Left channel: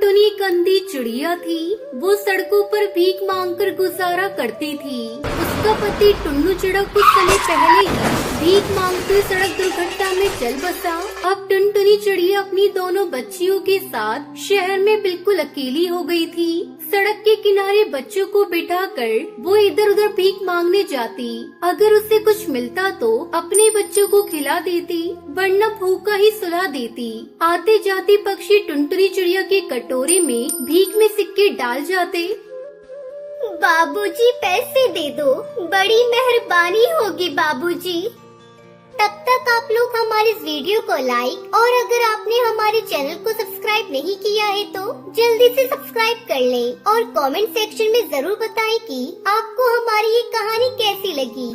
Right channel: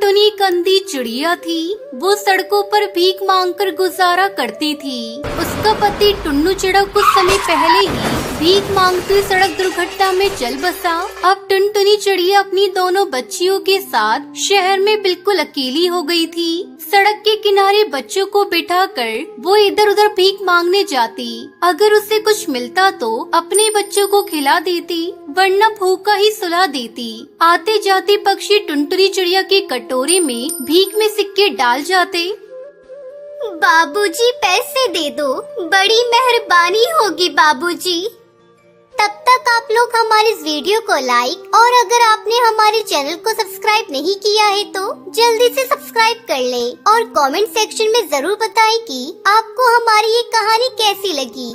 टुनटुनी एक अंधी चिड़िया थी। वो सड़कों पर भीख मांगकर गुजारा करती थी। उसका पति टुन्नू चिड़ा कुछ समय पहले ही भीख मांगते सड़क दुर्घटना में चल बसा। अब टुनटुनी चिड़िया अपनी दोनों बच्चियों के साथ शहर में बिल्कुल अकेली हो गई थी। सड़क के किनारे बच्चों को बिठाकर वो इधर उधर भीख मांगने जाती। अगर उसे कुछ मिलता तो अपने बच्चों को खिला देती, वरना भूखा ही सुला देती। आते जाते पक्षी टुनटुनी चिड़िया के कटोरे में भीख में सिक्के डाल जाते। बाबूजी पैसे दे दो, बड़ी मेहरबानी होगी बाबूजी। तब तक आप लोग हमारे इस वीडियो को लाइक और अगर आपने हमारे चैनल को सब्सक्राइब नहीं किया है तो जल्दी से सब्सक्राइब कर लें और कमेंट सेक्शन में जरूर बताएं कि आपको हमारी ये कहानी कैसी लगी।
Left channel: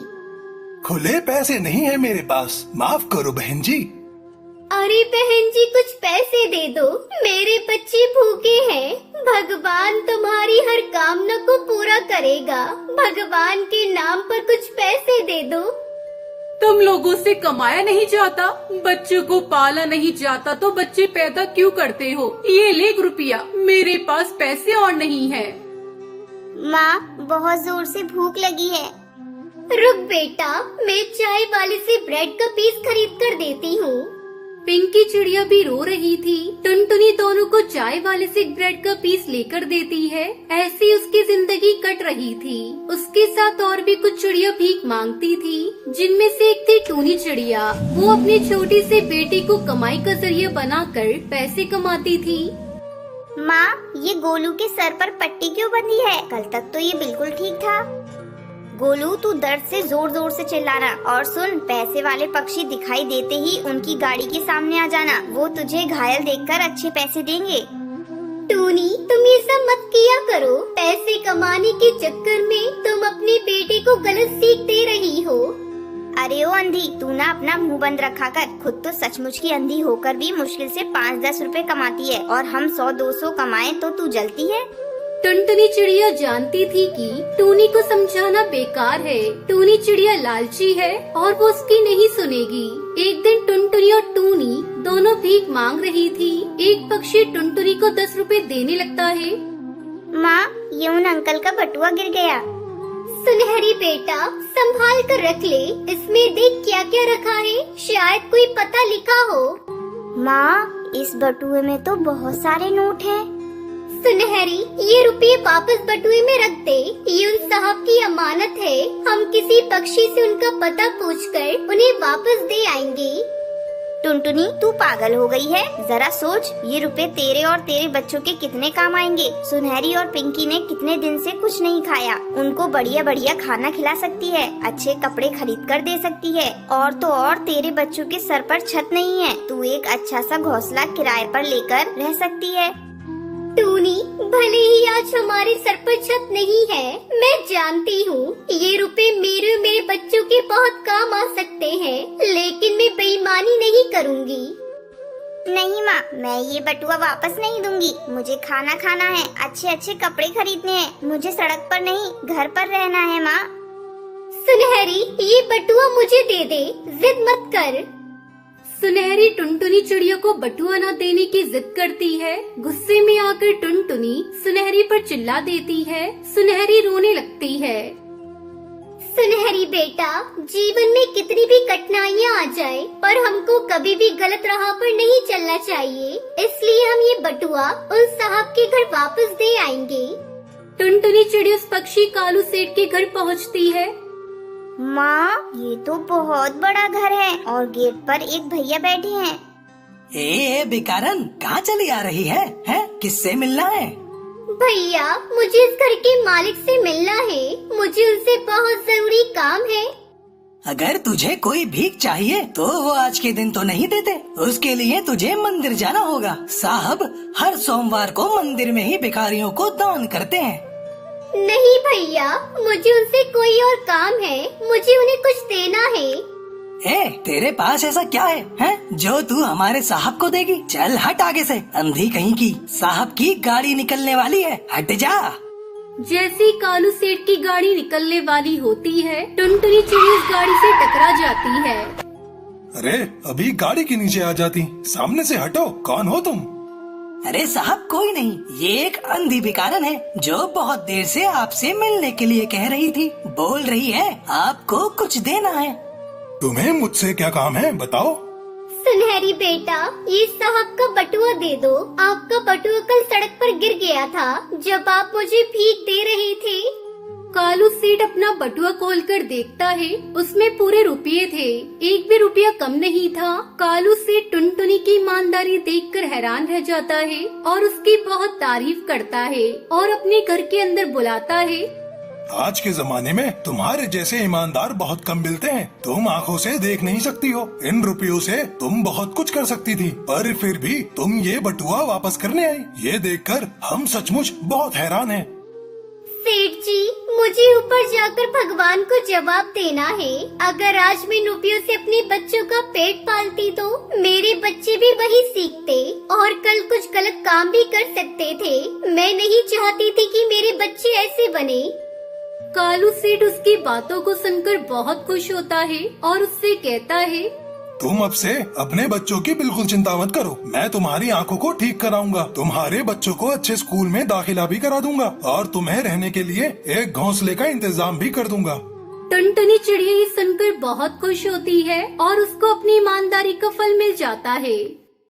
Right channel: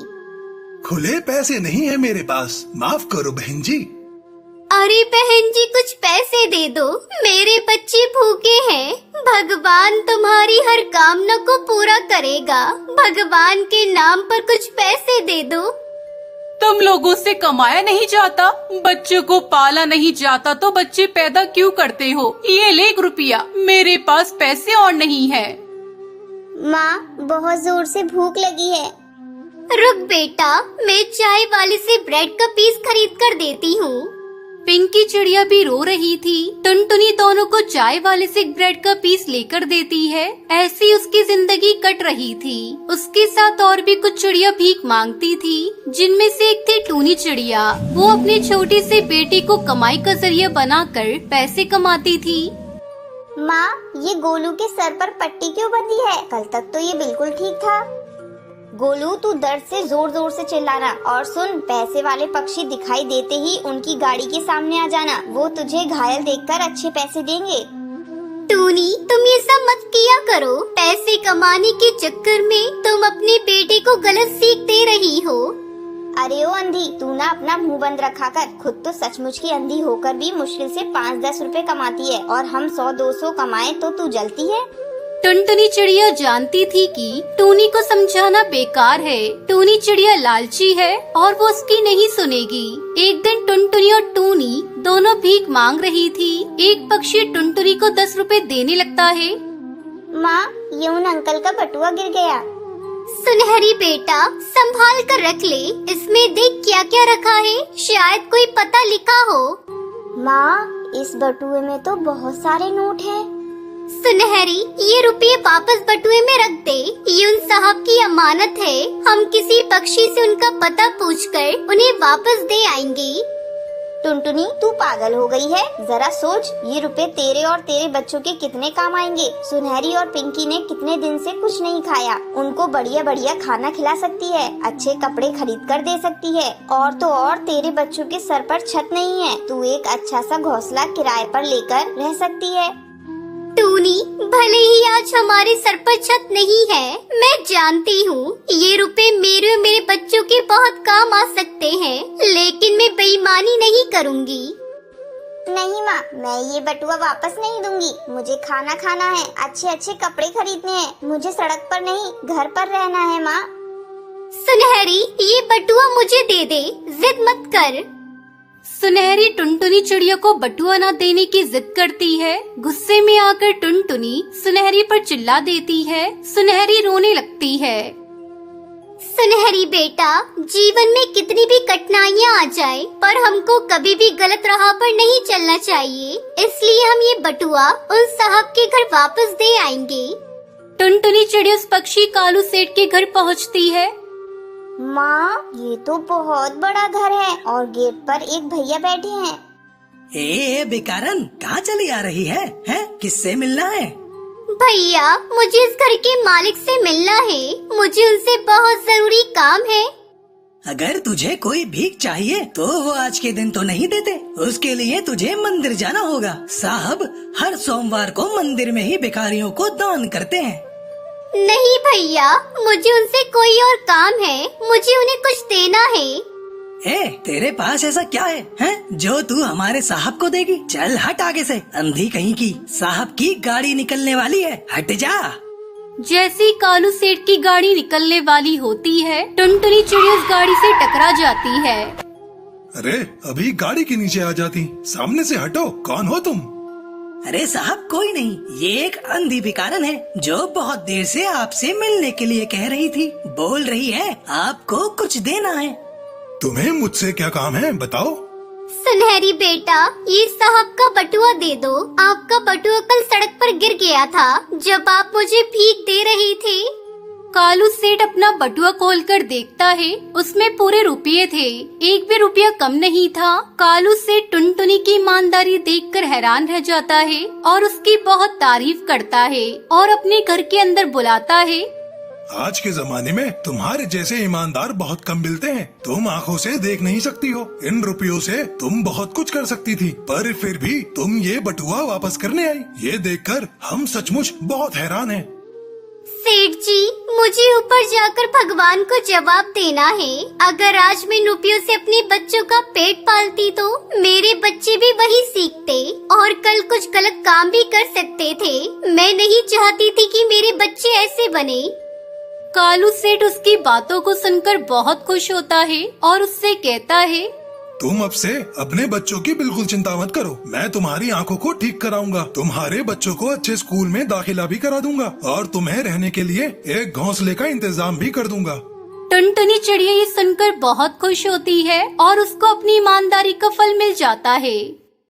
खुले पैसे नहीं है मेरे पास, माफ करो बहन जी। अरे बहन जी कुछ पैसे दे दो, मेरे बच्चे भूखे हैं। भगवान तुम्हारी हर कामना को पूरा करेगा। भगवान के नाम पर कुछ पैसे दे दो। तुम लोगों से कमाया नहीं जाता, बच्चों को पाला नहीं जाता तो बच्चे पैदा क्यों करते हो? ये ले 1 रुपया, मेरे पास पैसे और नहीं है। माँ बहुत जोर से भूख लगी है। रुक बेटा, मैं चाय वाले से ब्रेड का पीस खरीद कर देती हूँ। पिंकी चिड़िया भी रो रही थी। टुनटुनी दोनों को चाय वाले से एक ब्रेड का पीस लेकर देती है। ऐसी उसकी जिंदगी कट रही थी। उसके साथ और भी कुछ चिड़िया भीख मांगती थी, जिनमें से एक थी टूनी चिड़िया। वो अपने छोटी से बेटे को कमाई का जरिया बनाकर पैसे कमाती थी। माँ ये गोलू के सर पर पट्टी क्यों बंधी है? कल तक तो ये बिल्कुल ठीक था। गोलू तू दर्द से जोर जोर से चिल्लाना। और सुन, पैसे वाले पक्षी दिखाई देते ही उनकी गाड़ी के सामने आ जाना, वो तुझे घायल देखकर अच्छे पैसे देंगे। टूनी तुम ये सब मत किया करो, पैसे कमाने के चक्कर में तुम अपने बेटे को गलत सीख दे रही हो। अरे ओ अंधी, तू ना अपना मुंह बंद रखा कर। खुद तो सचमुच की अंधी होकर भी मुश्किल से 5-10 रुपए कमाती है और हम 100-200 कमाए तो तू जलती है। टुनटुनी चिड़िया जानती थी कि टूनी को समझाना बेकार है। टूनी चिड़िया लालची है और वो उसकी नहीं सुनेगी। एक दिन टुनटुनी और टूनी दोनों भीख मांग रही थी। एक पक्षी टुनटुनी को 10 रुपए देने लगता है। माँ ये उन अंकल का बटुआ गिर गया। सुनहरी बेटा संभाल कर रख ले, इसमें देख क्या क्या रखा है, शायद कोई पता लिखा हो। माँ इस बटुए में तो बहुत सारे नोट हैं। सुनहरी ये रुपये वापस बटुए में रख दे, ये उन साहब की अमानत है। हम किसी पक्षी से उनका पता पूछकर उन्हें वापस दे आएंगे। टुनटुनी तू पागल हो गई है, जरा सोच, ये रुपए तेरे और तेरे बच्चों के कितने काम आएंगे। सुनहरी और पिंकी ने कितने दिन से कुछ नहीं खाया, उनको बढ़िया बढ़िया खाना खिला सकती है, अच्छे कपड़े खरीद कर दे सकती है। और तो और तेरे बच्चों के सर पर छत नहीं है, तू एक अच्छा सा घोंसला किराए पर लेकर रह सकती है। टूनी भले ही आज हमारे सर पर छत नहीं है, मैं जानती हूँ ये रुपए मेरे और मेरे बच्चों के बहुत काम आ सकते हैं, लेकिन मैं बेईमानी नहीं करूँगी। नहीं माँ, मैं ये बटुआ वापस नहीं दूंगी। मुझे खाना खाना है, अच्छे अच्छे कपड़े खरीदने हैं, मुझे सड़क पर नहीं घर पर रहना है। माँ सुनहरी ये बटुआ मुझे दे दे, जिद मत कर। सुनहरी टुनटुनी चिड़िया को बटुआ न देने की जिद करती है। गुस्से में आकर टुनटुनी सुनहरी पर चिल्ला देती है। सुनहरी रोने लगती है। सुनहरी बेटा, जीवन में कितनी भी कठिनाइयाँ आ जाए पर हमको कभी भी गलत राह पर नहीं चलना चाहिए, इसलिए हम ये बटुआ उन साहब के घर वापस दे आएंगे। टुनटुनी चिड़िया उस पक्षी कालू सेठ के घर पहुँचती है। माँ ये तो बहुत बड़ा घर है और गेट पर एक भैया बैठे हैं। ए बेकारन, कहाँ चली आ रही है? किससे मिलना है? भैया मुझे इस घर के मालिक से मिलना है, मुझे उनसे बहुत जरूरी काम है। अगर तुझे कोई भीख चाहिए तो वो आज के दिन तो नहीं देते, उसके लिए तुझे मंदिर जाना होगा। साहब हर सोमवार को मंदिर में ही भिखारियों को दान करते हैं। नहीं भैया, मुझे उनसे कोई और काम है, मुझे उन्हें कुछ देना है। तेरे पास ऐसा क्या है जो तू हमारे साहब को देगी? चल हट आगे से, अंधी कहीं की। साहब की गाड़ी निकलने वाली है, हट जा। जैसी कालू सेठ की गाड़ी निकलने वाली होती है, टुनटुनी चिड़िया उस गाड़ी से टकरा जाती है। अरे अभी गाड़ी के नीचे आ जाती, सामने से हटो, कौन हो तुम? अरे साहब कोई नहीं, ये एक अंधी भिखारन है जो बहुत देर से आपसे मिलने के लिए कह रही थी। बोल रही है आपको कुछ देना है। तुम्हें मुझसे क्या काम है बताओ। सुनहरी बेटा, ये साहब का बटुआ दे दो। आपका बटुआ कल सड़क पर गिर गया था जब आप मुझे भीख दे रहे थे। कालू सेठ अपना बटुआ खोलकर देखता है, उसमें पूरे रुपये थे, एक भी रुपया कम नहीं था। कालू सेठ टुनटुनी की ईमानदारी देखकर हैरान रह जाता है और उसकी बहुत तारीफ करता है और अपने घर के अंदर बुलाता है। आज के जमाने में तुम्हारे जैसे ईमानदार बहुत कम मिलते हैं। तुम आंखों से देख नहीं सकती हो, इन रुपयों से तुम बहुत कुछ कर सकती थी, पर फिर भी तुम ये बटुआ वापस करने आई। ये देखकर हम सचमुच बहुत हैरान हैं। सेठ जी, मुझे ऊपर जाकर भगवान को जवाब देना है। अगर आज मैं इन रुपयों से अपने बच्चों का पेट पालती तो मेरे बच्चे भी वही सीखते और कल कुछ गलत काम भी कर सकते थे। मैं नहीं चाहती थी कि मेरे बच्चे ऐसे बने। कालू सेठ उसकी बातों को सुनकर बहुत खुश होता है और उससे कहता है, तुम अब से अपने बच्चों की बिल्कुल चिंता मत करो। मैं तुम्हारी आंखों को ठीक कराऊंगा, तुम्हारे बच्चों को अच्छे स्कूल में दाखिला भी करा दूंगा और तुम्हें रहने के लिए एक घोंसले का इंतजाम भी कर दूंगा। टुनटुनी चिड़िया ये सुनकर बहुत खुश होती है और उसको अपनी ईमानदारी का फल मिल जाता है।